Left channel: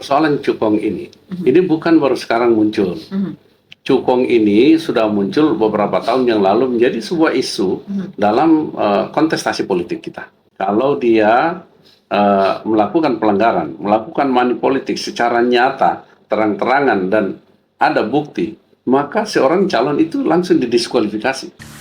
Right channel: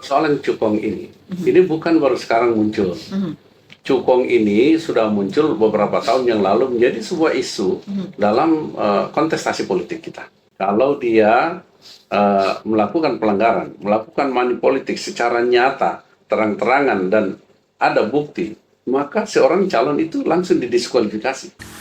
persoalan cukong ini bukan baru sekarang muncul. Cukong ini sudah muncul beberapa tahun yang lalu menjadi sebuah isu dalam kontestasi politik kita. Kalau dia melakukan pelanggaran, melakukan money politik secara nyata, terang-terangan dan ada bukti, maka seorang calon itu langsung didiskualifikasi.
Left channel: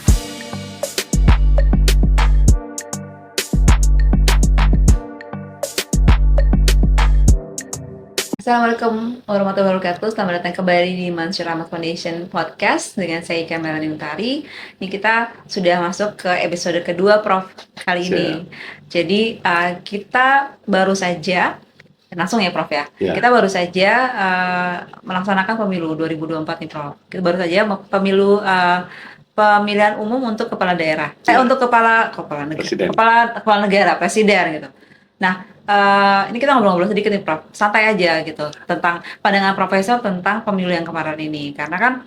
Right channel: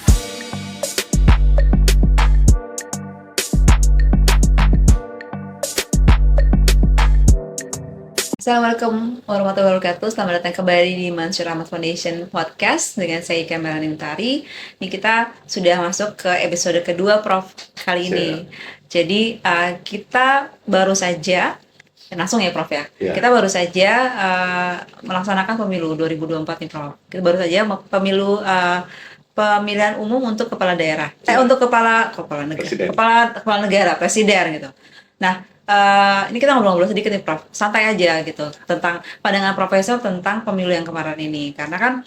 Assalamualaikum warahmatullahi wabarakatuh. Selamat datang kembali di Mansur Ahmad Foundation Podcast dengan saya Ika Melani Utari. Ini kita sudah masuk ke episode kedua, Prof, kali ini. Jadi kita baru saja langsung ya, Prof ya. Kita baru saja melaksanakan pemilu 2024 nih, Prof. Kita baru saja pemilu pemilihan umum untuk kepala daerah. Untuk kepala negara, presiden gitu. Nah, ini kita ngobrol-ngobrol sedikit nih, Prof. Santai aja gitu tentang pandangan Profesor tentang pemilu yang kemarin ini. Karena kan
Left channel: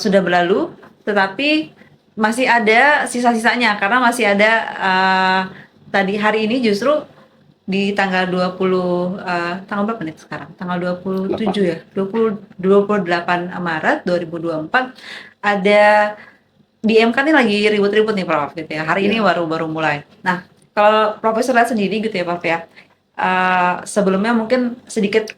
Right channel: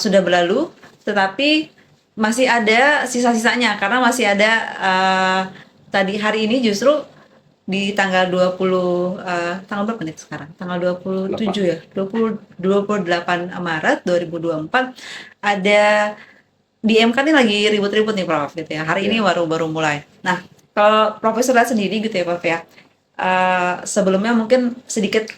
sudah berlalu, tetapi masih ada sisa-sisanya karena masih ada tadi hari ini justru di tanggal 20 tanggal berapa nih sekarang? Tanggal 27 ya. 28 Maret 2024 ada di MK nih lagi ribut-ribut nih, Prof, gitu ya. Hari ini baru mulai. Nah, kalau Profesor lihat sendiri gitu ya, Prof ya. Sebelumnya mungkin sedikit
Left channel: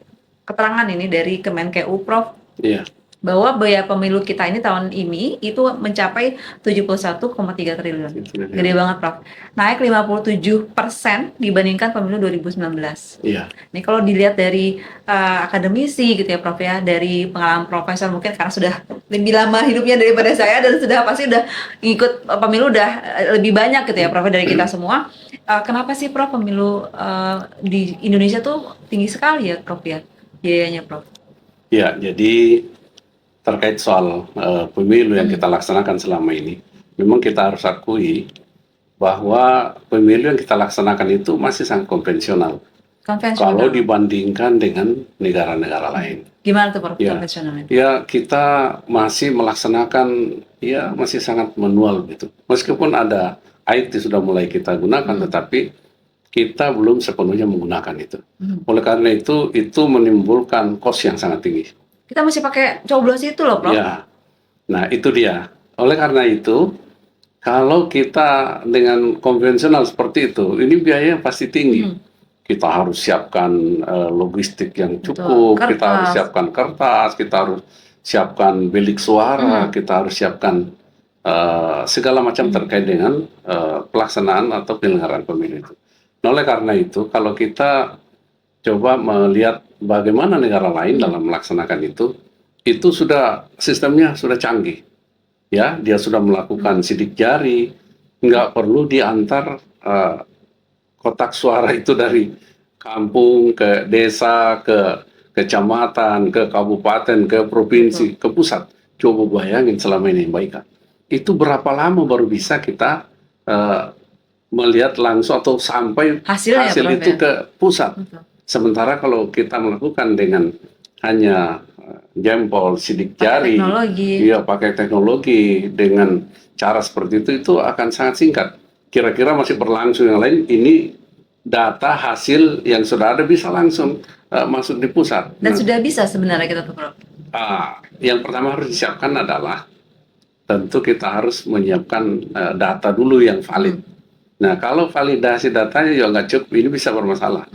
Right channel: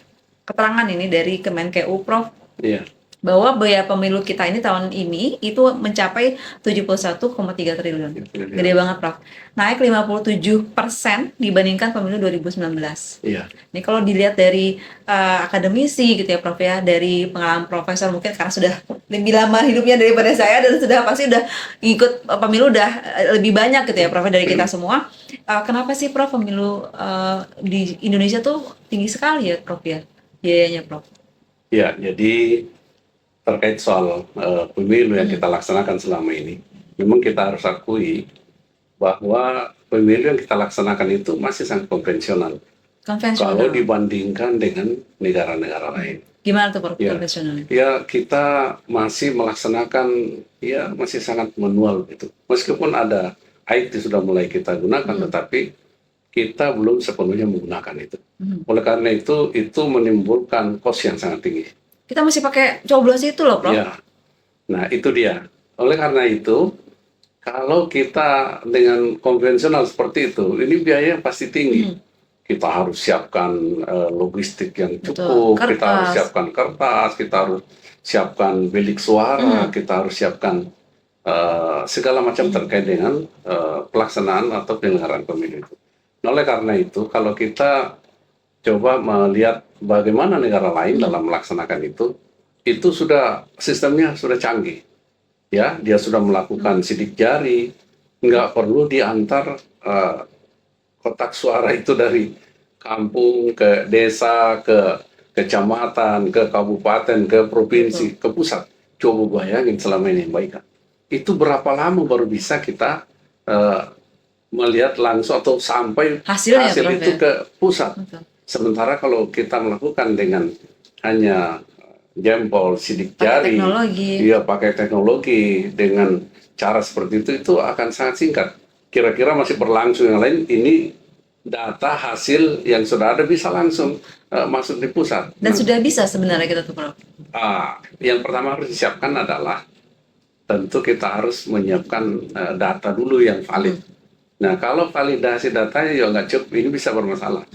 keterangan ini dari Kemenkeu, Prof. Iya. Bahwa biaya pemilu kita ini tahun ini itu mencapai 71,3 triliun. Gede banget, Prof. Naik 57% dibandingkan pemilu 2019. Iya. Ini kalau dilihat dari akademisi gitu ya, Prof ya, dari pengalaman Profesor mungkin karena sudah lebih lama hidupnya daripada saya dan sudah pasti udah ikut pemilu udah lebih banyak gitu ya, Prof, dari kita semua. Kenapa sih, Prof, pemilu di Indonesia tuh tinggi sekali ya, Prof ya, biayanya, Prof? Ya, jadi terkait soal pemilu yang kita laksanakan selama ini, memang kita harus akui bahwa pemilu yang kita laksanakan itu masih sangat konvensional. Kalau dibandingkan dengan negara-negara lain. Gimana tuh, Prof, konvensionalnya? Ya, kita masih melaksanakan, ya masih sangat manual gitu. Meskipun ada IT sudah mulai kita gunakan, tetapi kita belum sepenuhnya menggunakan itu. Oleh karena itu menimbulkan cost yang sangat tinggi. Kita masih pakai coblos itu loh, Prof. Ya, nah itu dia. Oleh karena itu, kalau kita dengan konvensional seperti itu, ini biayanya pasti tinggi. Kita harus siapkan logistik yang cukup, kita harus siapkan kertas, kita harus siapkan bilik suara, kita harus siapkan segala macam terkait dengan pelaksanaan atau penyelenggaraan pemilu itu. Nah, oleh karena itu, kalau kita coba melihat bagaimana negara lain dalam melaksanakan itu sudah sistemnya sudah canggih, ya. Dia sudah melakukan sidik jari, nggak perlu diantar kotak suara itu dari kampung ke desa, ke kecamatan, ke kabupaten, ke provinsi, ke pusat. Coba bayangin selama ini, Mbak Ika, itu berapa lama baru bisa kita melihat langsung atau sampai hasil itu ke pusat. Sementara kalau kita melakukan dengan hanya jempol, sidik jari, pakai teknologi dengan cara seperti itu akan sangat singkat. Kira-kira masih berlangsung yang lain, ini data hasil yang sudah ada bisa langsung masuk di pusat. Dan sudah bisa sebenarnya kita tuh, Prof. Yang pertama harus disiapkan adalah tentu kita harus menyiapkan data dulu yang valid. Nah, kalau validasi datanya juga nggak cukup, ini bisa bermasalah.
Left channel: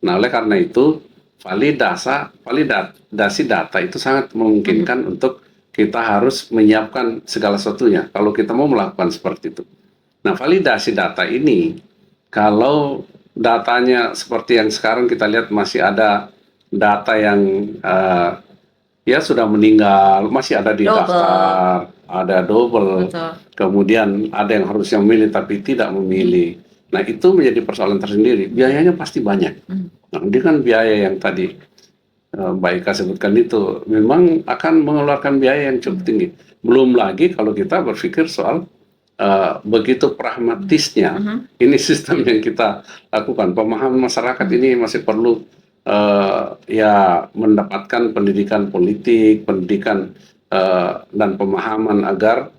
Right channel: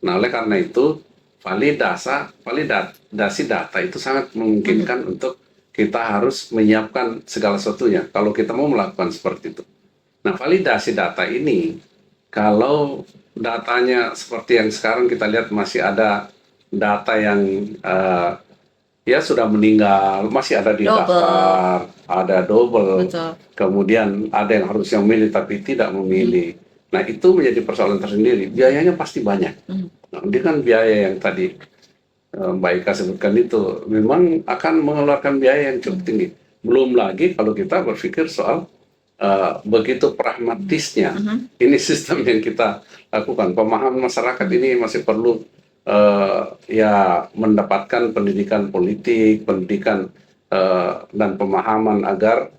Nah, oleh karena itu validasi data itu sangat memungkinkan untuk kita harus menyiapkan segala sesuatunya kalau kita mau melakukan seperti itu. Nah, validasi data ini kalau datanya seperti yang sekarang kita lihat masih ada data yang ya sudah meninggal, masih ada di daftar, ada double. Kemudian ada yang harusnya memilih tapi tidak memilih. Nah, itu menjadi persoalan tersendiri. Biayanya pasti banyak. Nah, ini kan biaya yang tadi Mbak Ika sebutkan itu memang akan mengeluarkan biaya yang cukup tinggi. Belum lagi kalau kita berpikir soal begitu pragmatisnya ini sistem yang kita lakukan. Pemahaman masyarakat ini masih perlu ya mendapatkan pendidikan politik, pendidikan dan pemahaman agar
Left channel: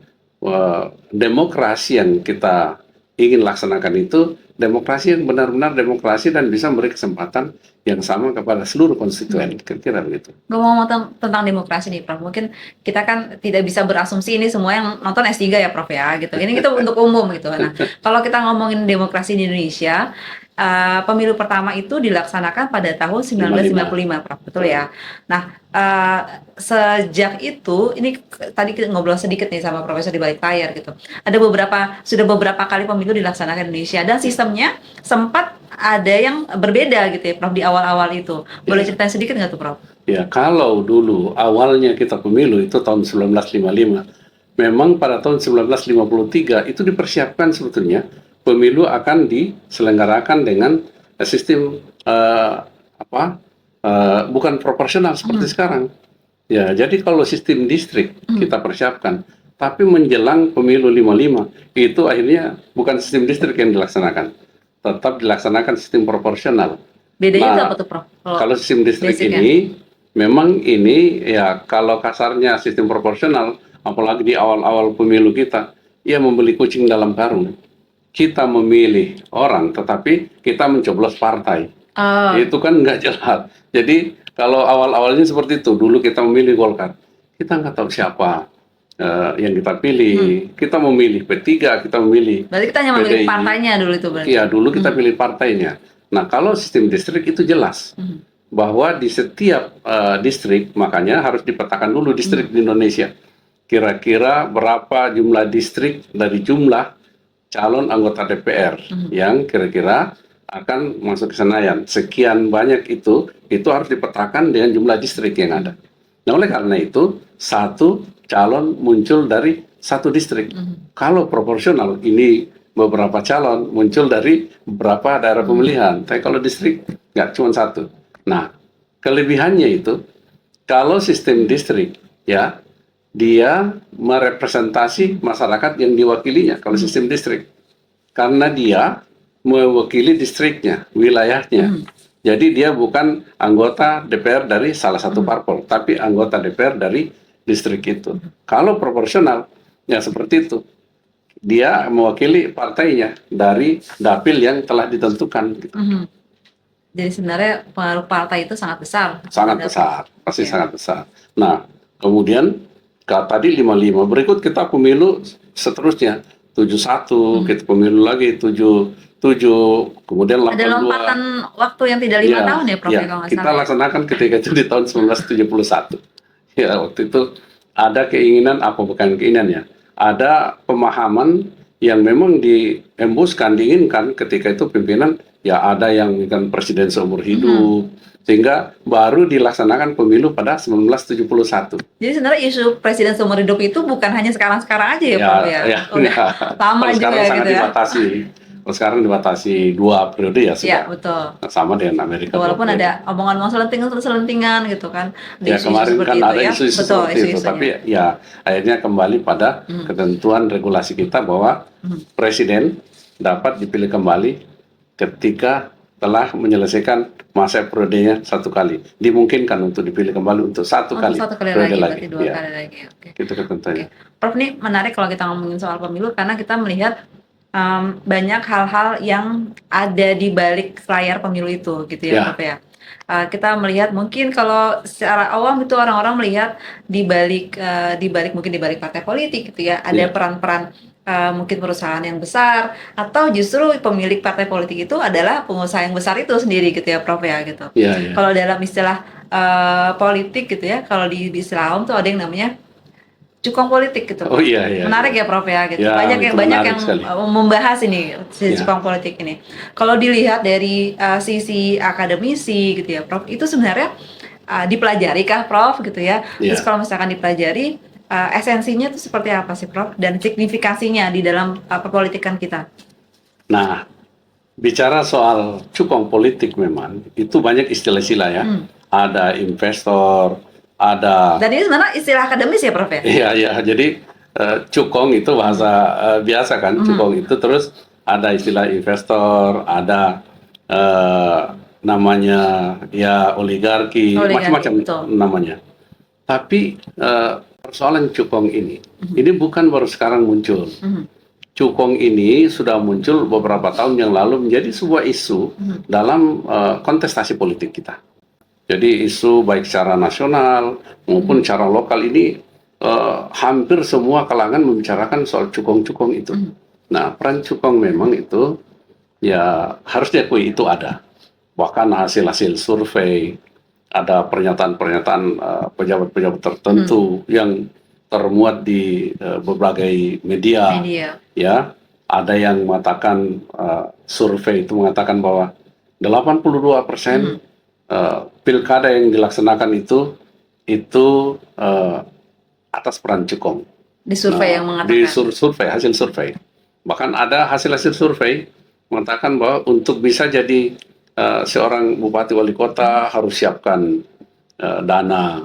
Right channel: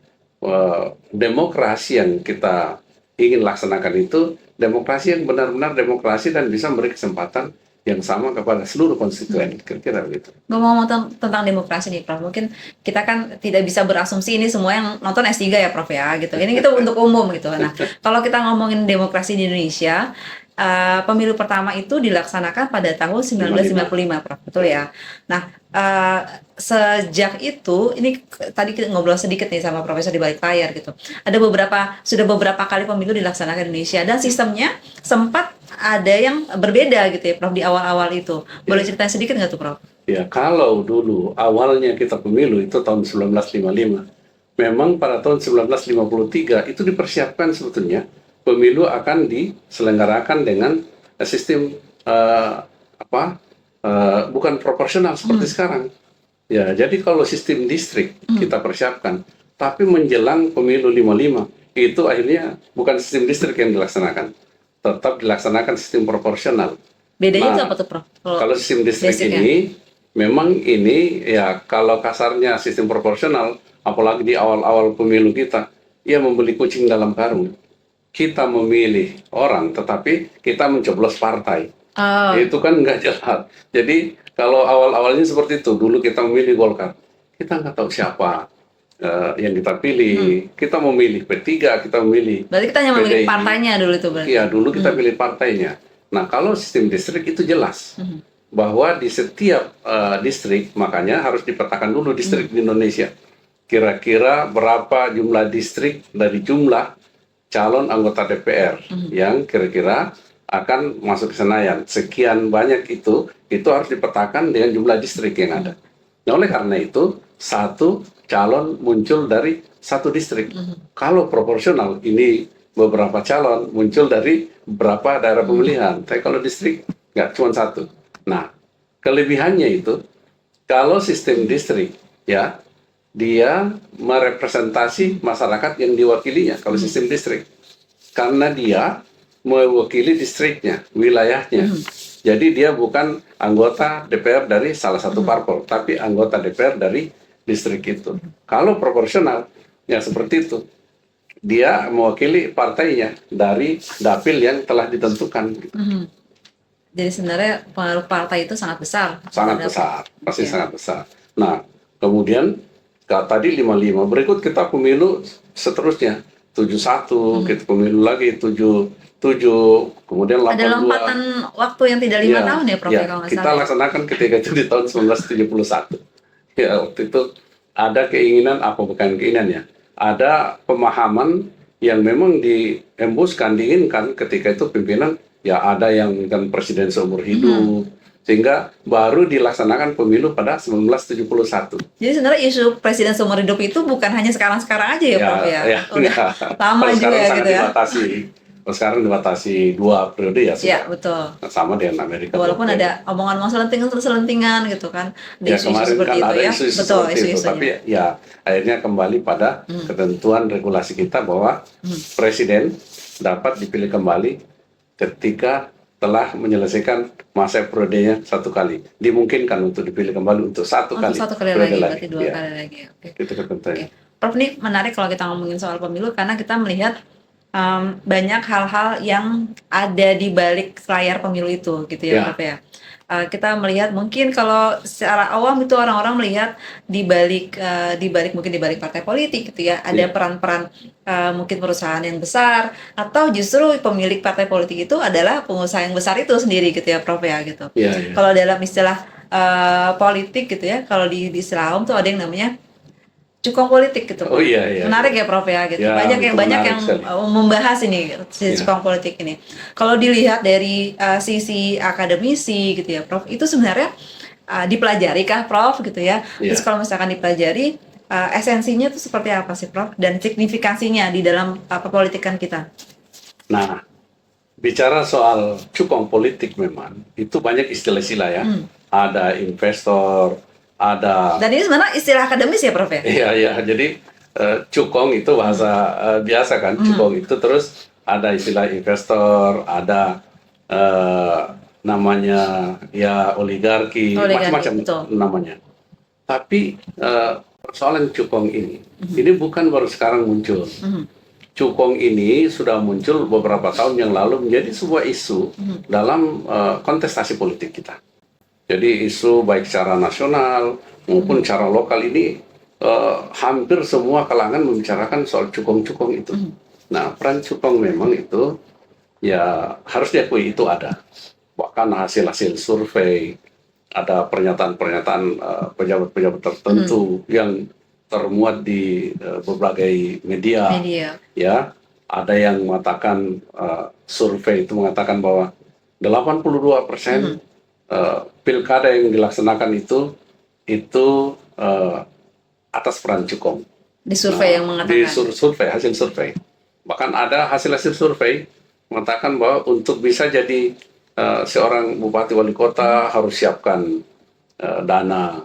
demokrasi yang kita ingin laksanakan itu demokrasi yang benar-benar demokrasi dan bisa memberi kesempatan yang sama kepada seluruh konstituen, kira-kira begitu. Ngomong tentang demokrasi nih, Prof. Mungkin kita kan tidak bisa berasumsi ini semua yang nonton S3 ya, Prof ya, gitu. Ini kita untuk umum gitu. Nah, kalau kita ngomongin demokrasi di Indonesia, pemilu pertama itu dilaksanakan pada tahun 1955, Prof. Betul ya? Nah, sejak itu, ini tadi kita ngobrol sedikit nih sama Profesor di balik layar gitu. Sudah beberapa kali pemilu dilaksanakan di Indonesia, dan sistemnya sempat ada yang berbeda gitu ya, Prof, di awal-awal itu. Boleh ceritain sedikit nggak tuh, Prof? Ya, kalau dulu awalnya kita pemilu itu tahun 1955, memang pada tahun 1953 itu dipersiapkan sebetulnya pemilu akan diselenggarakan dengan sistem bukan proporsional seperti sekarang. Ya, jadi kalau sistem distrik kita persiapkan, tapi menjelang pemilu 55 itu akhirnya bukan sistem distrik yang dilaksanakan, tetap dilaksanakan sistem proporsional. Bedanya itu apa tuh, Prof? Kalau sistem distrik ini, memang ini ya kalau kasarnya sistem proporsional, apalagi di awal-awal pemilu kita, ya membeli kucing dalam karung. Kita memilih orang, tetapi kita mencoblos partai. Itu kan nggak jelas. Jadi kalau awal-awalnya seperti itu, dulu kita memilih Golkar, kita nggak tahu siapa yang kita pilih. Kita memilih P3, kita memilih. Berarti kita hanya memilih partainya dulu itu berarti. Iya, dulu kita pilih partainya. Nah, kalau sistem distrik itu jelas bahwa di setiap distrik, makanya harus dipetakan dulu distrik di Indonesia. Kira-kira berapa jumlah distrik dari jumlah calon anggota DPR yang kira-kira akan masuk ke Senayan. Sekian banyak itu harus dipetakan dengan jumlah distrik yang ada. Nah, oleh karena itu, satu calon muncul dari satu distrik. Kalau proporsional, ini beberapa calon muncul dari beberapa daerah pemilihan. Tapi kalau distrik, nggak cuma satu. Nah, kelebihannya itu, kalau sistem distrik, ya, dia merepresentasi masyarakat yang diwakilinya, kalau sistem distrik. Karena dia mewakili distriknya, wilayahnya. Jadi dia bukan anggota DPR dari salah satu parpol, tapi anggota DPR dari distrik itu. Kalau proporsional, ya seperti itu. Dia mewakili partainya dari dapil yang telah ditentukan. Jadi sebenarnya pengaruh partai itu sangat besar. Sangat besar, pasti sangat besar. Nah, kemudian tadi 55, berikut kita pemilu seterusnya. 71, kita pemilu lagi 77, kemudian 82. Ada lompatan waktu yang tidak 5 tahun ya, Prof? Ya, kita laksanakan ketika itu di tahun 1971. Ya, waktu itu ada keinginan, apa bukan keinginan ya, ada pemahaman yang memang diembuskan, diinginkan ketika itu pimpinan, ya ada yang menginginkan presiden seumur hidup, sehingga baru dilaksanakan pemilu pada 1971. Jadi sebenarnya isu presiden seumur hidup itu bukan hanya sekarang-sekarang aja ya, Prof ya? Udah lama juga gitu ya. Sekarang dibatasi 2 periode ya. Iya, betul. Sama dengan Amerika. Walaupun ada omongan-omongan selentingan gitu kan. Ya, kemarin kan ada isu-isu seperti itu. Tapi ya akhirnya kembali pada ketentuan regulasi kita bahwa presiden dapat dipilih kembali ketika telah menyelesaikan masa periodenya 1 kali. Dimungkinkan untuk dipilih kembali untuk 1 kali. 1 kali lagi, berarti 2 kali lagi. Oke. Itu ketentuannya. Prof, ini menarik kalau kita ngomongin soal pemilu karena kita melihat banyak hal-hal yang ada di balik layar pemilu itu gitu ya, Prof ya. Kita melihat mungkin kalau secara awam itu orang-orang melihat di balik partai politik gitu ya, ada peran-peran mungkin perusahaan yang besar, atau justru pemilik partai politik itu adalah pengusaha yang besar itu sendiri gitu ya, Prof ya gitu. Kalau dalam istilah politik gitu ya, kalau di istilah awam tuh ada yang namanya cukong politik gitu. Menarik ya, Prof ya gitu. Banyak yang membahas ini cukong politik ini. Kalau dilihat dari sisi akademisi gitu ya, Prof, itu sebenarnya dipelajari kah, Prof gitu ya? Terus kalau misalkan dipelajari, esensinya itu seperti apa sih, Prof, dan signifikansinya di dalam perpolitikan kita? Nah, bicara soal cukong politik memang itu banyak istilah-istilah ya. Ada investor, ada. Dan ini sebenarnya istilah akademis ya, Prof ya? Iya. Jadi cukong itu bahasa biasa kan, cukong itu, terus ada istilah investor, ada namanya ya oligarki, macam-macam namanya. Tapi persoalan cukong ini bukan baru sekarang muncul. cukong ini sudah muncul beberapa tahun yang lalu menjadi sebuah isu dalam kontestasi politik kita. Jadi isu baik secara nasional maupun secara lokal ini hampir semua kalangan membicarakan soal cukong-cukong itu. Nah, peran cukong memang itu ya harus diakui itu ada. Bahkan hasil-hasil survei, ada pernyataan-pernyataan pejabat-pejabat tertentu yang termuat di berbagai media. Ya, ada yang mengatakan survei itu mengatakan bahwa 82% pilkada yang dilaksanakan itu atas peran cukong. Di survei yang mengatakan. Di survei, hasil survei. Bahkan ada hasil-hasil survei mengatakan bahwa untuk bisa jadi seorang bupati wali kota harus siapkan dana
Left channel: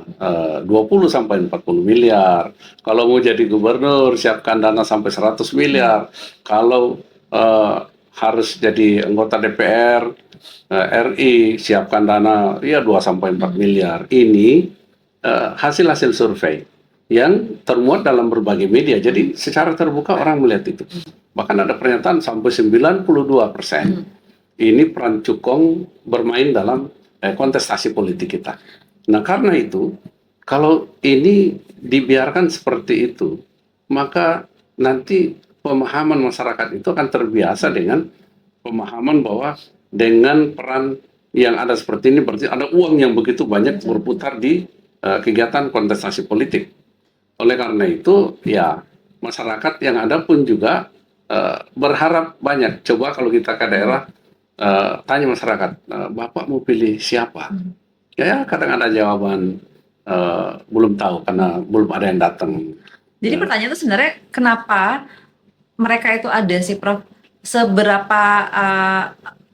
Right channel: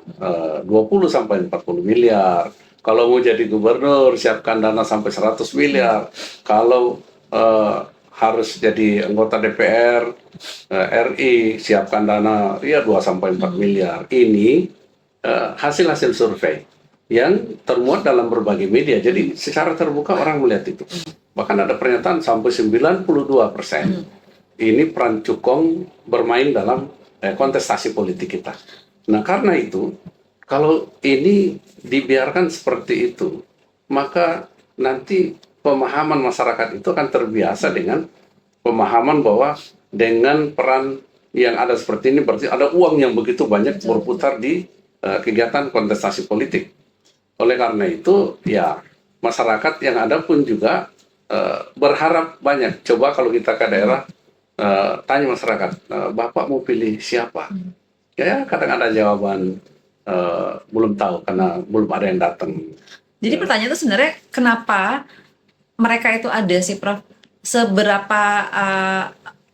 20 sampai 40 miliar. Kalau mau jadi gubernur siapkan dana sampai 100 miliar. Kalau harus jadi anggota DPR RI siapkan dana ya 2 sampai 4 miliar. Ini hasil-hasil survei yang termuat dalam berbagai media. Jadi secara terbuka orang melihat itu. Bahkan ada pernyataan sampai 92% ini peran cukong bermain dalam kontestasi politik kita. Nah, karena itu kalau ini dibiarkan seperti itu, maka nanti pemahaman masyarakat itu akan terbiasa dengan pemahaman bahwa dengan peran yang ada seperti ini berarti ada uang yang begitu banyak berputar di kegiatan kontestasi politik. Oleh karena itu, ya masyarakat yang ada pun juga berharap banyak. Coba kalau kita ke daerah, tanya masyarakat, Bapak mau pilih siapa? Ya kadang ada jawaban belum tahu karena belum ada yang datang. Jadi pertanyaan itu sebenarnya kenapa mereka itu ada sih, Prof? Seberapa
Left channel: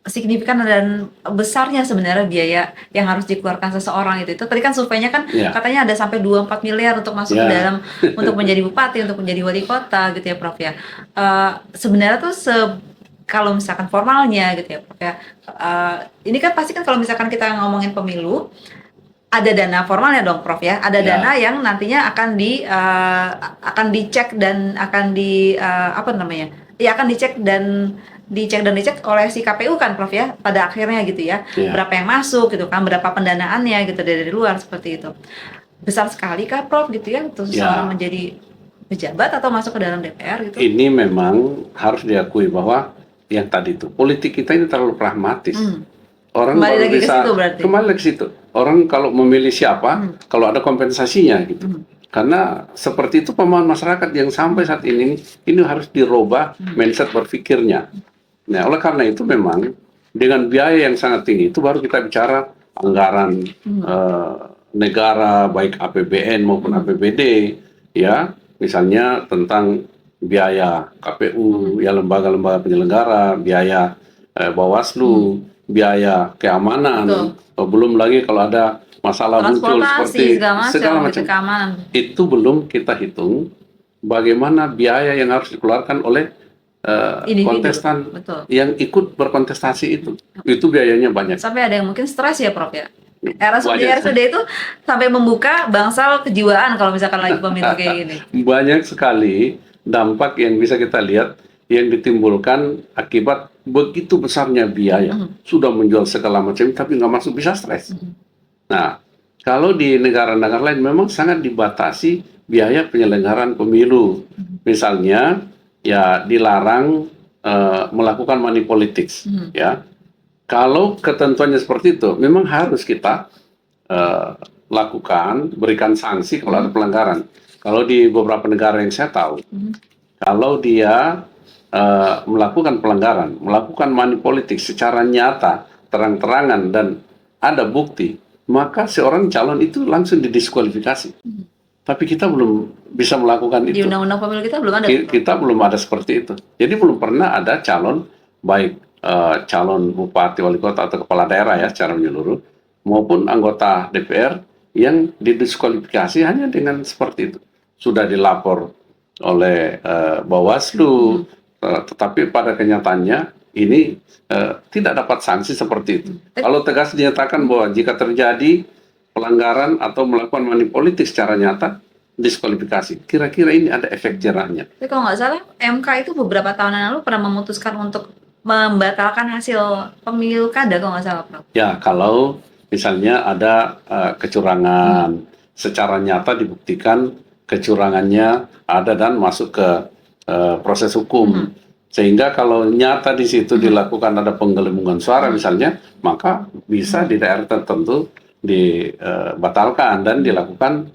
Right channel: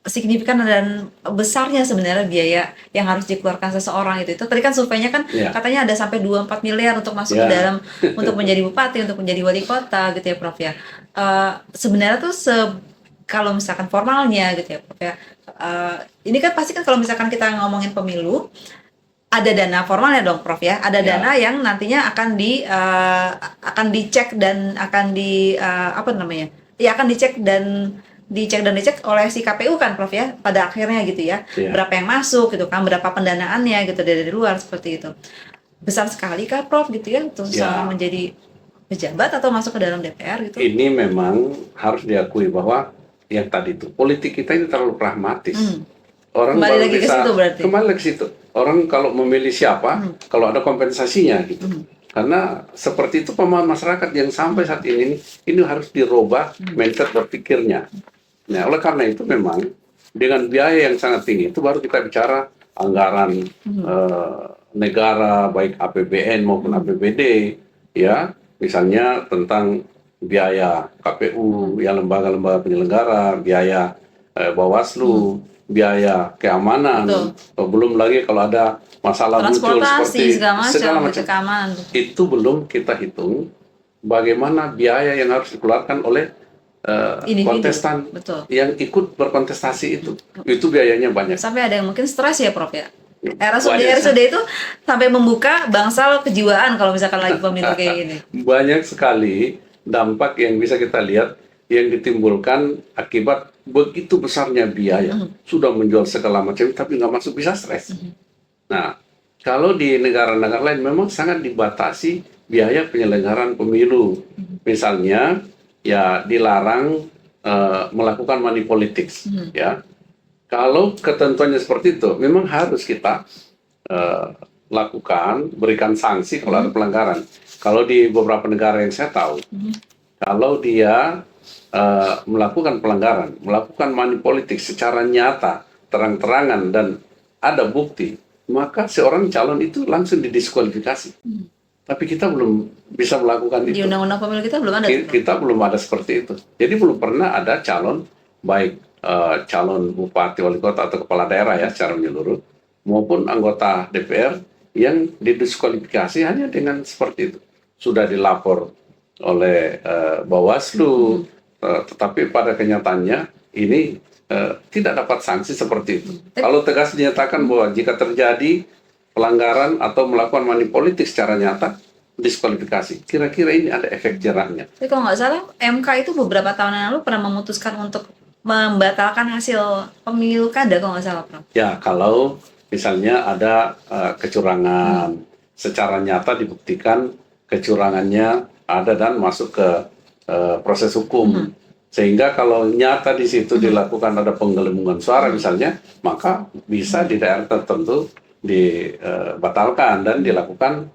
signifikan dan besarnya sebenarnya biaya yang harus dikeluarkan seseorang itu. Tadi kan surveinya kan katanya ada sampai 2-4 miliar untuk masuk ke dalam untuk menjadi bupati, untuk menjadi wali kota gitu ya, Prof ya. Sebenarnya tuh kalau misalkan formalnya gitu ya, Prof ya. Ini kan pasti kan kalau misalkan kita ngomongin pemilu ada dana formalnya dong, Prof ya. Ada dana yang nantinya akan dicek dan akan akan dicek oleh si KPU kan, Prof ya, pada akhirnya gitu ya. Berapa yang masuk gitu kan, berapa pendanaannya gitu dari luar seperti itu. Besar sekali kah, Prof gitu ya, untuk seseorang menjadi pejabat atau masuk ke dalam DPR gitu? Ini memang harus diakui bahwa yang tadi itu politik kita ini terlalu pragmatis. Orang kembali lagi ke situ berarti. Kembali ke situ. Orang kalau memilih siapa, kalau ada kompensasinya gitu. Karena seperti itu pemahaman masyarakat yang sampai saat ini harus dirubah mindset berpikirnya. Nah, oleh karena itu memang dengan biaya yang sangat tinggi itu baru kita bicara anggaran negara baik APBN maupun APBD ya, misalnya tentang biaya KPU, ya lembaga-lembaga penyelenggara, biaya Bawaslu, biaya keamanan, belum lagi kalau ada masalah muncul seperti segala macam keamanan. Itu belum kita hitung bagaimana biaya yang harus dikeluarkan oleh kontestan yang ikut berkontestasi itu biayanya banyak. Sampai ada yang mungkin stres ya, Prof ya. RSUD itu sampai membuka bangsal kejiwaan kalau misalkan lagi pemilu kayak gini. Banyak sekali dampak yang bisa kita lihat yang ditimbulkan akibat begitu besarnya biaya. Sudah menjual segala macam tapi nggak masuk, bisa stres. Nah, kalau di negara-negara lain memang sangat dibatasi biaya penyelenggaraan pemilu. Misalnya ya dilarang melakukan money politics, ya. Kalau ketentuannya seperti itu, memang harus kita lakukan, berikan sanksi kalau ada pelanggaran. Kalau di beberapa negara yang saya tahu, kalau dia melakukan pelanggaran, melakukan money politics secara nyata, terang-terangan dan ada bukti, maka seorang calon itu langsung didiskualifikasi. Tapi kita belum bisa melakukan itu. Di undang-undang pemilu kita belum ada. Kita belum ada seperti itu. Jadi belum pernah ada calon, baik calon bupati, wali kota atau kepala daerah ya secara menyeluruh, maupun anggota DPR yang didiskualifikasi hanya dengan seperti itu. Sudah dilapor oleh Bawaslu, tetapi pada kenyataannya ini tidak dapat sanksi seperti itu. Kalau tegas dinyatakan bahwa jika terjadi pelanggaran atau melakukan money politik secara nyata, diskualifikasi. Kira-kira ini ada efek jerahnya. Tapi kalau nggak salah, MK itu beberapa tahun yang lalu pernah memutuskan untuk membatalkan hasil pemilu kada kalau nggak salah, Prof. Ya, kalau misalnya ada kecurangan, secara nyata dibuktikan kecurangannya ada dan masuk ke proses hukum. Sehingga kalau nyata di situ dilakukan ada penggelembungan suara misalnya, maka bisa di daerah tertentu dibatalkan dan dilakukan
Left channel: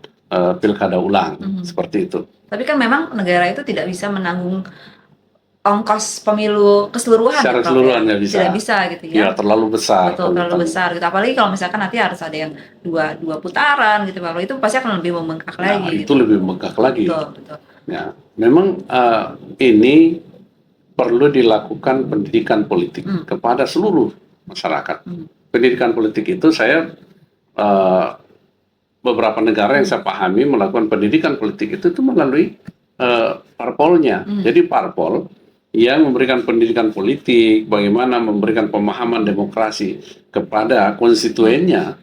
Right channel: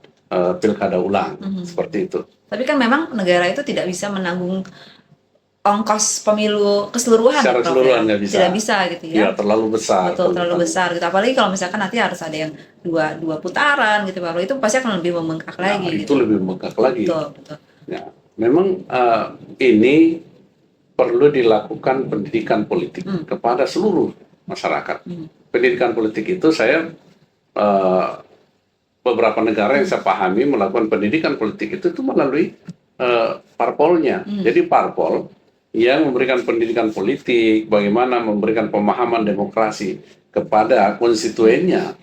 pilkada ulang, seperti itu. Tapi kan memang negara itu tidak bisa menanggung ongkos pemilu keseluruhan, Secara ya, Prof, keseluruhan ya? nggak bisa. Tidak bisa gitu ya. Ya, terlalu besar. Betul, terlalu besar gitu. Apalagi kalau misalkan nanti harus ada yang dua putaran gitu, Prof. Itu pasti akan lebih membengkak lagi Nah, gitu. itu lebih membengkak lagi. Betul. Ya, memang ini perlu dilakukan pendidikan politik kepada seluruh masyarakat. Pendidikan politik itu saya beberapa negara yang saya pahami melakukan pendidikan politik itu melalui parpolnya. Jadi parpol yang memberikan pendidikan politik, bagaimana memberikan pemahaman demokrasi kepada konstituennya,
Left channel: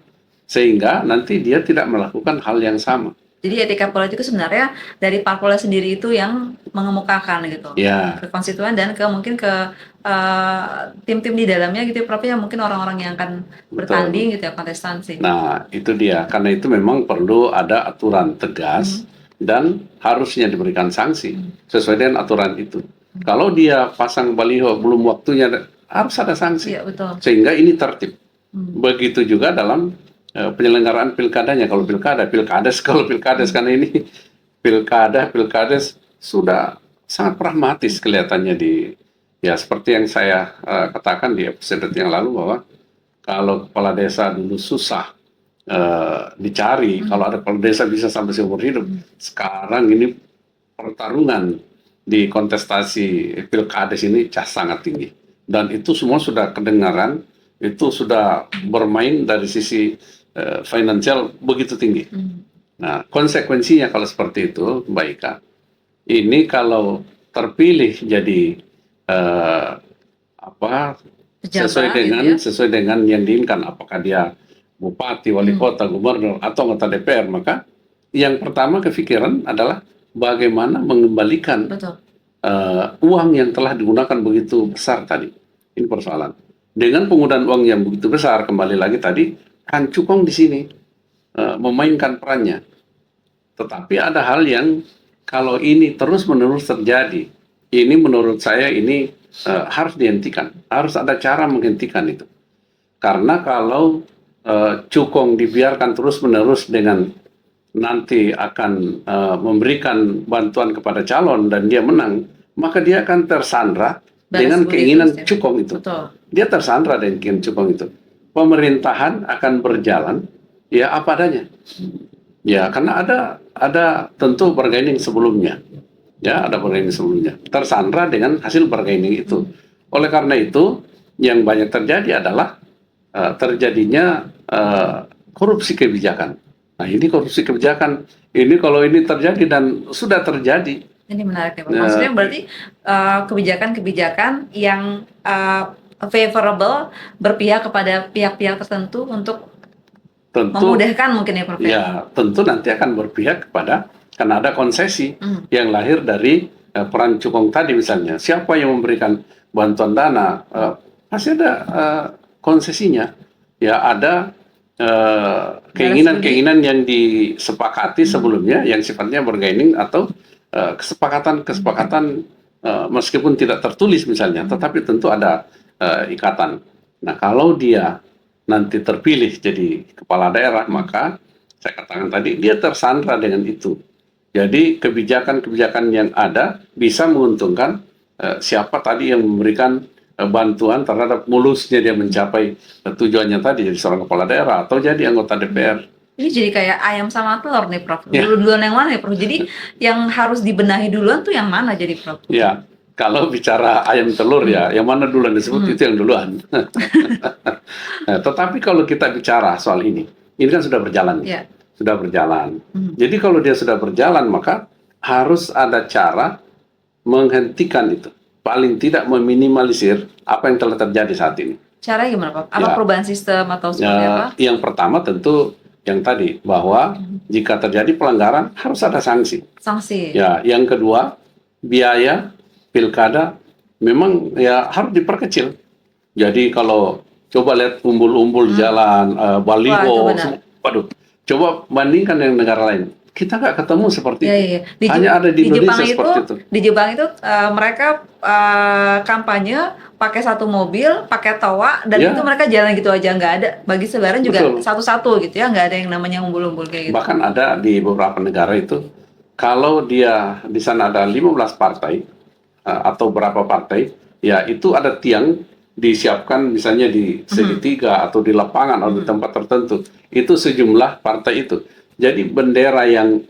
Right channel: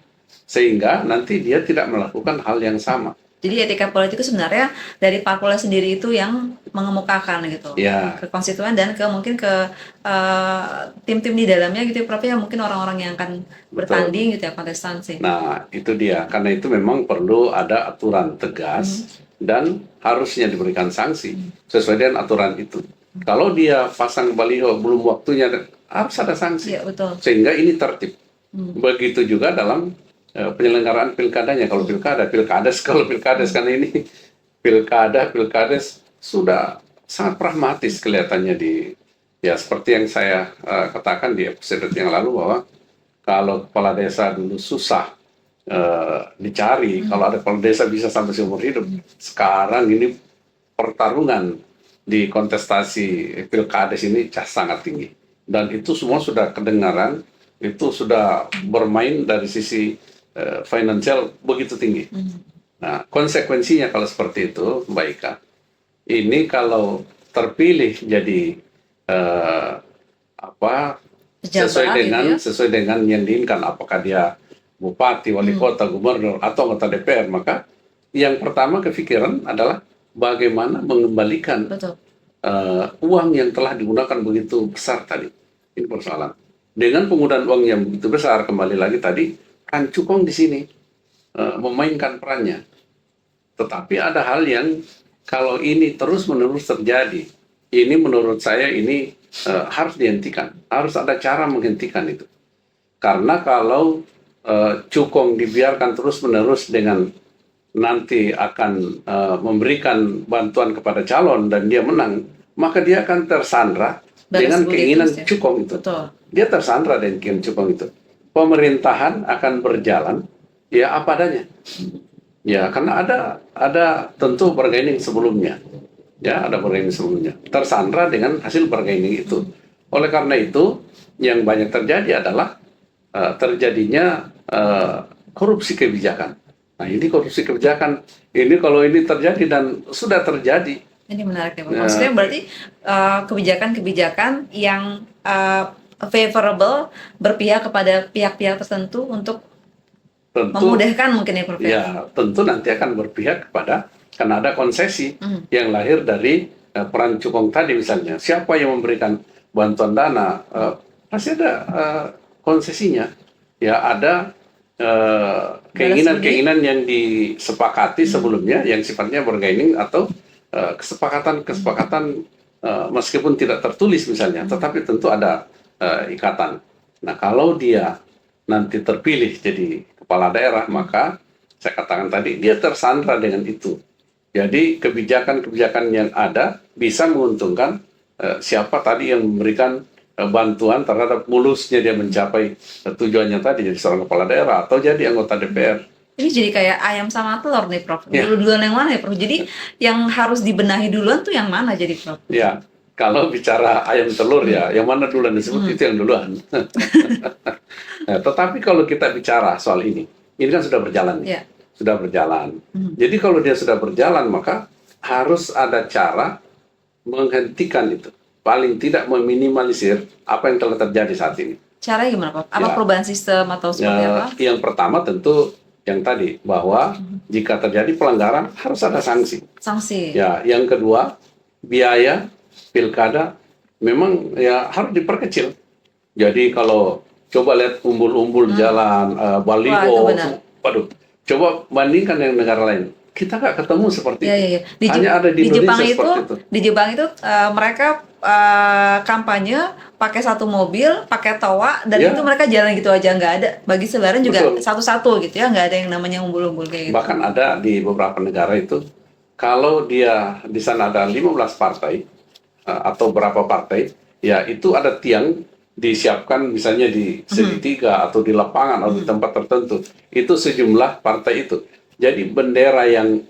sehingga nanti dia tidak melakukan hal yang sama. Jadi etika politik itu sebenarnya dari parpolnya sendiri itu yang mengemukakan gitu, Ya. ke konstituen dan ke mungkin ke tim-tim di dalamnya gitu ya, Prof, ya, mungkin orang-orang yang akan bertanding gitu ya, kontestan sih. Nah, itu dia. Karena itu memang perlu ada aturan tegas dan harusnya diberikan sanksi sesuai dengan aturan itu. Kalau dia pasang baliho belum waktunya, harus ada sanksi. Iya, betul. Sehingga ini tertib. Begitu juga dalam penyelenggaraan pilkadanya. Kalau pilkades karena ini pilkades sudah sangat pragmatis kelihatannya ya seperti yang saya katakan di episode yang lalu bahwa kalau kepala desa dulu susah dicari, kalau ada kepala desa bisa sampai seumur hidup. Sekarang ini pertarungan di kontestasi pilkades ini sangat tinggi, dan itu semua sudah kedengaran, itu sudah bermain dari sisi finansial begitu tinggi. Nah, konsekuensinya kalau seperti itu, Mbak Ika, ini kalau terpilih jadi sesuai dengan yang diinginkan, apakah dia bupati, wali kota, gubernur, atau anggota DPR, maka yang pertama kepikiran adalah bagaimana mengembalikan uang yang telah digunakan begitu besar tadi. Ini persoalan. Dengan penggunaan uang yang begitu besar, kembali lagi tadi, kan cukong di sini memainkan perannya. Tetapi ada hal yang kalau ini terus-menerus terjadi, ini menurut saya ini harus dihentikan. Harus ada cara menghentikan itu. Karena kalau cukong dibiarkan terus-menerus dengan nanti akan memberikan bantuan kepada calon dan dia menang, maka dia akan tersandra dengan keinginan cukong itu. Betul. Dia tersandra dengan keinginan cukong itu. Pemerintahan akan berjalan ya apa adanya. Ya, karena ada tentu bargaining sebelumnya. Ya, ada bargaining sebelumnya. Tersandra dengan hasil bargaining itu. Oleh karena itu, yang banyak terjadi adalah terjadinya korupsi kebijakan. Nah, ini korupsi kebijakan. Ini kalau ini terjadi dan sudah terjadi. Ini menarik ya, Pak. Maksudnya berarti kebijakan-kebijakan yang favorable berpihak kepada pihak-pihak tertentu untuk memudahkan mungkin ya, Prof. Ya, tentu nanti akan berpihak kepada, karena ada konsesi yang lahir dari peran cukong tadi misalnya. Siapa yang memberikan bantuan dana, pasti ada konsesinya. Ya, ada keinginan-keinginan yang disepakati sebelumnya yang sifatnya bargaining atau kesepakatan meskipun tidak tertulis misalnya, tetapi tentu ada ikatan. Nah, kalau dia nanti terpilih jadi kepala daerah, maka saya katakan tadi dia tersandra dengan itu. Jadi kebijakan-kebijakan yang ada bisa menguntungkan siapa tadi yang memberikan bantuan terhadap mulusnya dia mencapai tujuannya tadi jadi seorang kepala daerah atau jadi anggota DPR. Ini jadi kayak ayam sama telur nih, Prof. Duluan yang mana ya, Prof? Jadi yang harus dibenahi duluan tuh yang mana jadi, Prof? Ya, kalau bicara ayam telur ya, yang mana duluan disebut itu yang duluan. Nah, tetapi kalau kita bicara soal ini kan sudah berjalan. Yeah. Sudah berjalan. Jadi kalau dia sudah berjalan, maka harus ada cara menghentikan itu. Paling tidak meminimalisir apa yang telah terjadi saat ini. Caranya gimana, Pak? Apa perubahan sistem atau seperti apa? Yang pertama tentu yang tadi bahwa jika terjadi pelanggaran harus ada sanksi. Sanksi. Ya, yang kedua biaya pilkada memang ya harus diperkecil. Jadi kalau coba lihat umbul-umbul jalan, Wah, itu baliho, benar. waduh, coba bandingkan dengan negara lain. Kita nggak ketemu seperti Ya, itu. ya, ya. Di, Hanya ada di Jepang Indonesia itu, seperti itu. mereka kampanye pakai satu mobil, pakai toa, dan Ya, itu mereka jalan gitu aja, nggak ada. Bagi selebaran juga betul. satu-satu gitu ya, nggak ada yang namanya umbul-umbul kayak gitu. Bahkan ada di beberapa negara itu, kalau dia di sana ada 15 partai atau berapa partai, ya itu ada tiang disiapkan misalnya di segitiga atau di lapangan atau di tempat tertentu. Itu sejumlah partai itu. Jadi bendera yang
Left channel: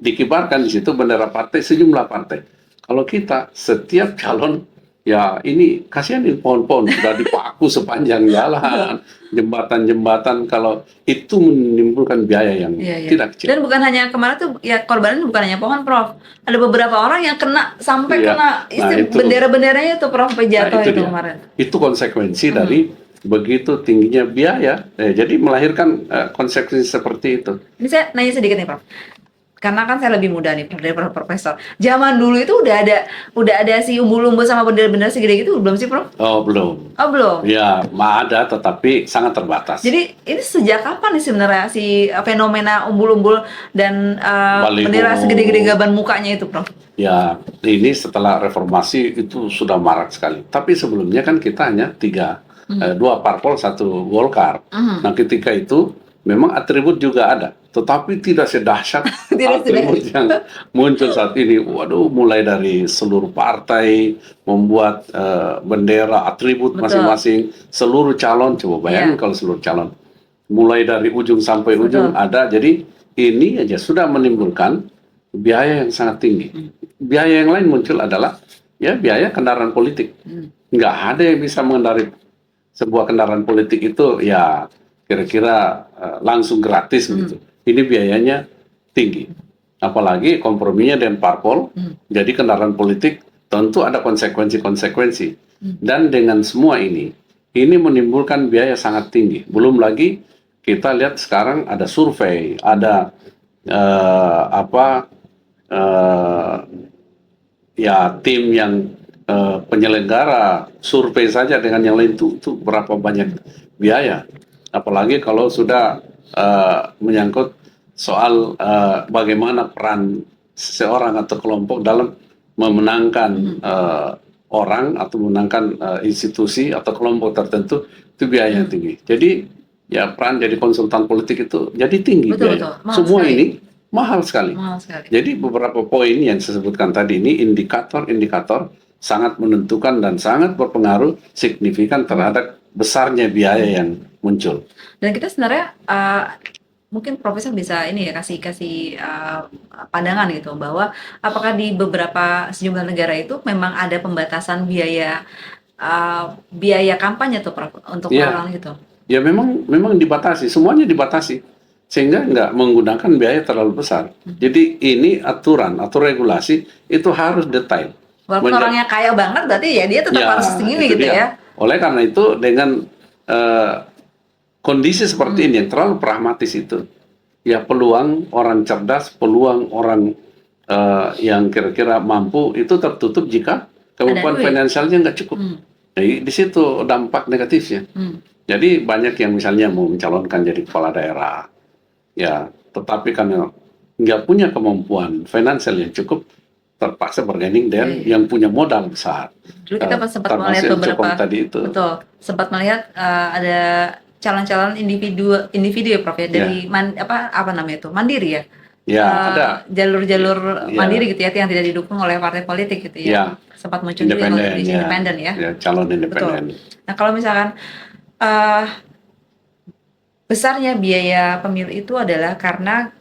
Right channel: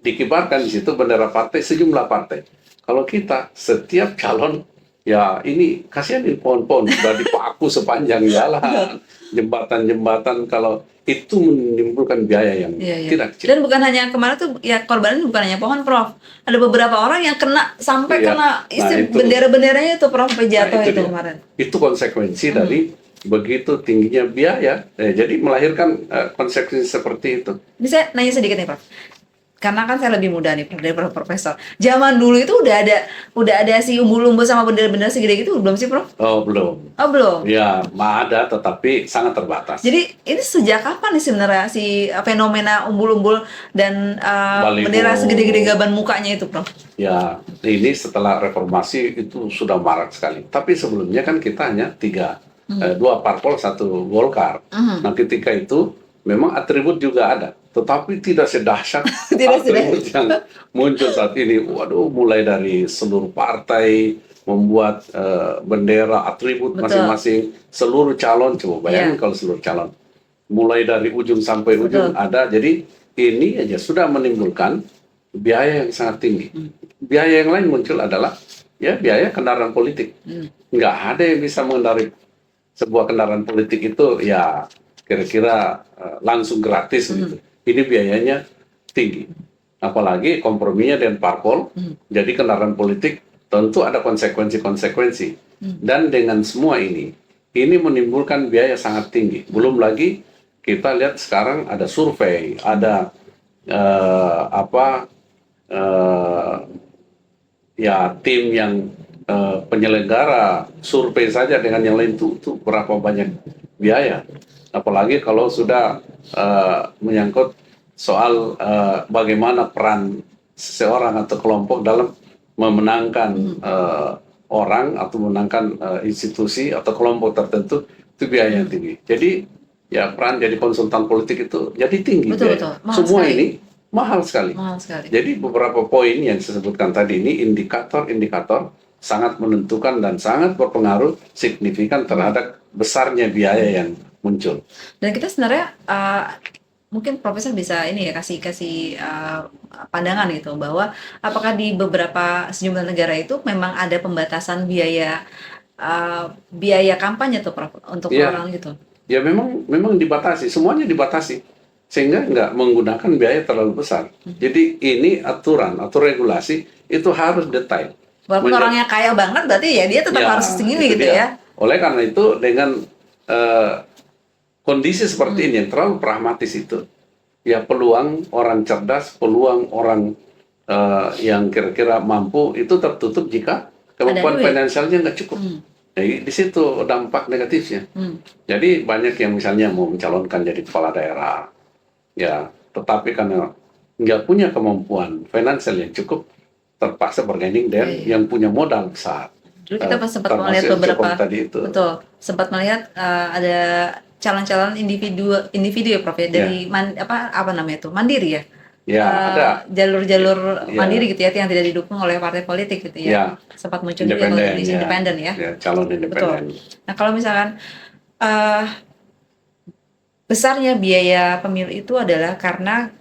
dikibarkan di situ bendera partai sejumlah partai. Kalau kita setiap calon ya ini kasihan ini pohon-pohon sudah dipaku sepanjang jalan, jembatan-jembatan, kalau itu menimbulkan biaya yang Iya, iya. tidak kecil. Dan bukan hanya kemarin tuh ya korbannya bukan hanya pohon, Prof. Ada beberapa orang yang kena sampai Iya. kena Nah, itu. bendera-benderanya itu, Prof, sampai jatuh Nah, itu dia. kemarin. Itu konsekuensi dari begitu tingginya biaya. Jadi melahirkan konsekuensi seperti itu. Ini saya nanya sedikit nih, Prof. Karena kan saya lebih muda nih, Prof, daripada Profesor. Zaman dulu itu udah ada si umbul-umbul sama bendera-bendera segede gitu belum sih, Prof? Oh, belum. Oh, belum. Ya, ada tetapi sangat terbatas. Jadi ini sejak kapan nih sebenarnya si fenomena umbul-umbul dan Baliho. bendera segede-gede gaban mukanya itu, Prof? Ya, ini setelah reformasi itu sudah marak sekali. Tapi sebelumnya kan kita hanya dua parpol, satu Golkar. Nah, ketika itu memang atribut juga ada, tetapi tidak sedahsyat Tidak atribut yang muncul saat ini. Waduh, mulai dari seluruh partai membuat bendera, atribut Betul. masing-masing, seluruh calon. Coba bayangin Iya. kalau seluruh calon, mulai dari ujung sampai ujung Betul. ada. Jadi ini aja sudah menimbulkan biaya yang sangat tinggi. Biaya yang lain muncul adalah ya biaya kendaraan politik. Nggak ada yang bisa mengendarai sebuah kendaraan politik itu ya kira-kira langsung gratis gitu. Ini biayanya tinggi. Apalagi komprominya dengan parpol, jadi kendaraan politik tentu ada konsekuensi-konsekuensi. Dan dengan semua ini menimbulkan biaya sangat tinggi. Belum lagi kita lihat sekarang ada survei, ada ya tim yang penyelenggara survei saja dengan yang lain itu berapa banyak biaya. Apalagi kalau sudah menyangkut soal bagaimana peran seseorang atau kelompok dalam memenangkan orang atau memenangkan institusi atau kelompok tertentu, itu biaya yang tinggi. Jadi ya peran jadi konsultan politik itu jadi tinggi. Betul. Mahal Semua sekali. ini mahal sekali. Mahal sekali. Jadi beberapa poin yang saya sebutkan tadi ini indikator-indikator sangat menentukan dan sangat berpengaruh signifikan terhadap besarnya biaya yang muncul. Dan kita sebenarnya mungkin Profesor bisa ini ya kasih pandangan gitu bahwa apakah di beberapa sejumlah negara itu memang ada pembatasan biaya kampanye tuh, Prof, untuk Iya. orang gitu. Ya memang dibatasi, semuanya dibatasi sehingga nggak menggunakan biaya terlalu besar. Jadi ini aturan atau regulasi itu harus detail. Walaupun orangnya kaya banget berarti ya dia tetap Ya, harus segini itu gitu dia. ya. Oleh karena itu dengan kondisi seperti ini yang terlalu pragmatis itu, ya peluang orang cerdas, peluang orang yang kira-kira mampu itu tertutup jika kemampuan duit. finansialnya nggak cukup. Jadi di situ dampak negatifnya. Jadi banyak yang misalnya mau mencalonkan jadi kepala daerah, ya tetapi karena nggak punya kemampuan finansial yang cukup, terpaksa berganding dengan yang punya modal besar. Dulu kita sempat termasuk melihat yang beberapa, Jepang tadi itu. betul, sempat melihat ada calon-calon individu ya, Prof, ya, dari apa namanya itu, mandiri ya. Ya, ada jalur-jalur Ya. mandiri gitu ya, yang tidak didukung oleh partai politik gitu ya. Ya. Sempat muncul juga kalau di Indonesia, independen ya. Ya, calon independen. Nah, kalau misalkan besarnya biaya pemilu itu adalah karena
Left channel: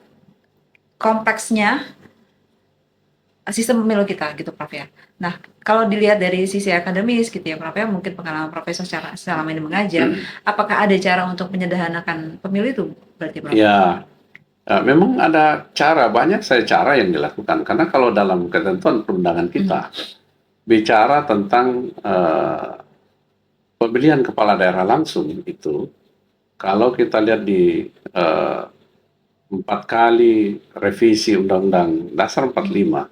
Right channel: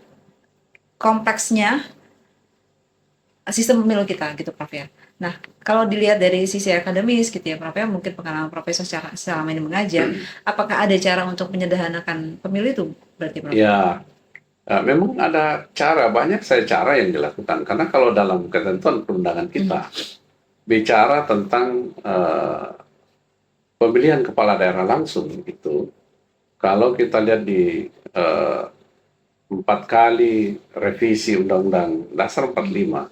kompleksnya sistem pemilu kita gitu, Prof, ya. Nah, kalau dilihat dari sisi akademis gitu ya, Prof, ya, mungkin pengalaman Profesor selama ini mengajar, apakah ada cara untuk menyederhanakan pemilu itu berarti, Prof? Ya, memang ada cara, banyak cara yang dilakukan. Karena kalau dalam ketentuan perundangan kita bicara tentang pemilihan kepala daerah langsung itu, kalau kita lihat di 4 kali revisi Undang-Undang Dasar 45,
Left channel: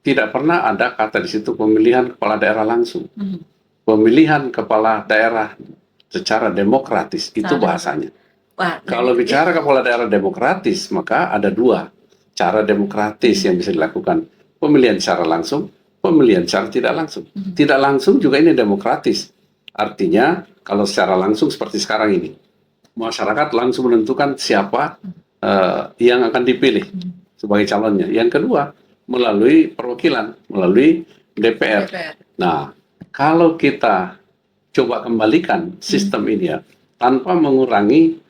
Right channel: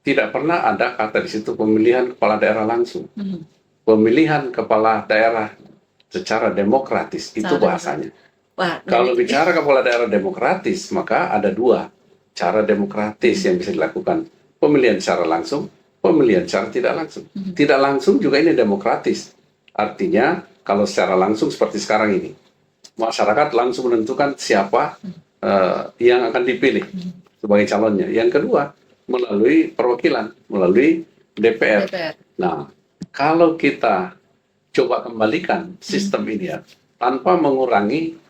tidak pernah ada kata di situ pemilihan kepala daerah langsung. Pemilihan kepala daerah secara demokratis, itu Secara bahasanya. Wah, Kalau bicara kepala daerah demokratis, maka ada 2 cara demokratis yang bisa dilakukan. Pemilihan secara langsung, pemilihan secara tidak langsung. Tidak langsung juga ini demokratis. Artinya, kalau secara langsung seperti sekarang ini, masyarakat langsung menentukan siapa yang akan dipilih sebagai calonnya. Yang kedua, melalui perwakilan, melalui DPR. Nah, kalau kita coba kembalikan sistem ini ya, tanpa mengurangi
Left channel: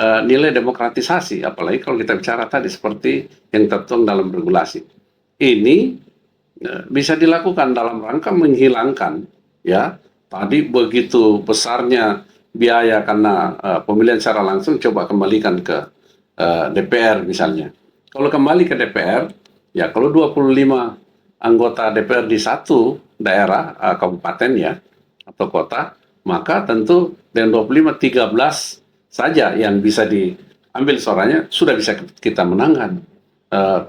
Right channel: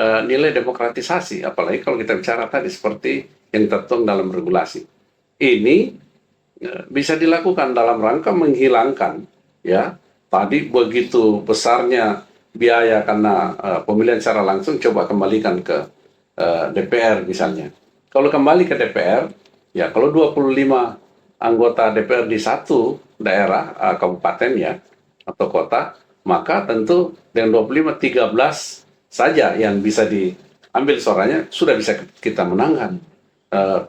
nilai demokratisasi, apalagi kalau kita bicara tadi seperti yang tertuang dalam regulasi. Ini bisa dilakukan dalam rangka menghilangkan ya tadi begitu besarnya biaya karena pemilihan secara langsung, coba kembalikan ke DPR misalnya. Kalau kembali ke DPR, ya kalau 25 anggota DPR di satu daerah, kabupaten ya, atau kota, maka tentu dengan 25, 13 saja yang bisa diambil suaranya, sudah bisa kita menangkan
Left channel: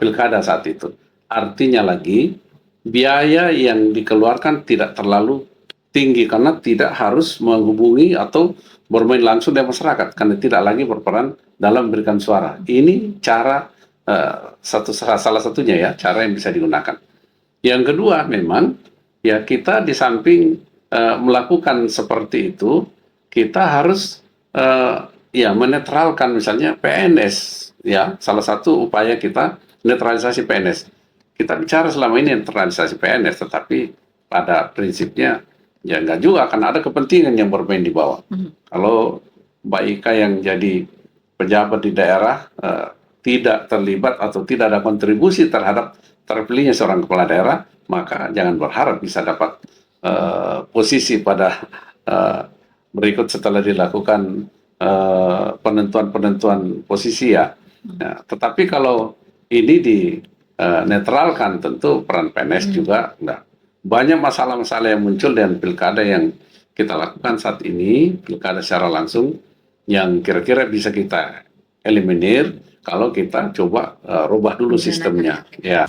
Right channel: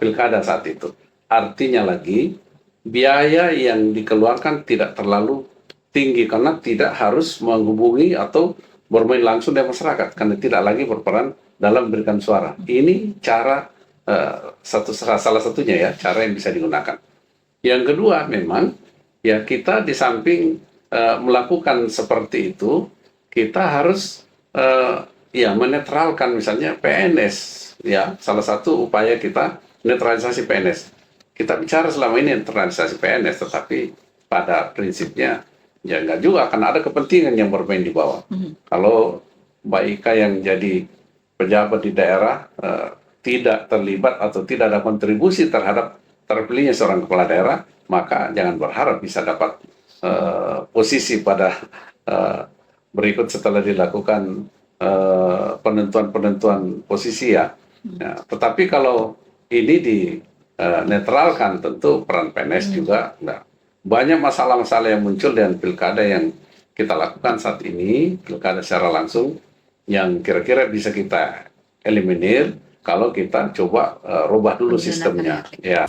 pilkada saat itu. Artinya lagi, biaya yang dikeluarkan tidak terlalu tinggi karena tidak harus menghubungi atau bermain langsung dengan masyarakat, karena tidak lagi berperan dalam memberikan suara. Ini cara salah satunya ya, cara yang bisa digunakan. Yang kedua, memang ya kita di samping melakukan seperti itu, kita harus ya menetralkan misalnya PNS, ya salah satu upaya kita netralisasi PNS. Kita bicara selama ini netralisasi PNS, tetapi pada prinsipnya ya enggak juga, karena ada kepentingan yang bermain di bawah. Kalau Mbak Ika yang jadi pejabat di daerah tidak terlibat atau tidak ada kontribusi terhadap terpilihnya seorang kepala daerah, maka jangan berharap bisa dapat posisi pada berikut setelah dilakukan penentuan posisi ya. Nah, tetapi kalau ini dinetralkan, tentu peran PNS juga. Nah, banyak masalah-masalah yang muncul dengan pilkada yang kita lakukan saat ini, pilkada secara langsung, yang kira-kira bisa kita eliminir kalau kita coba rubah dulu sistemnya. Ya.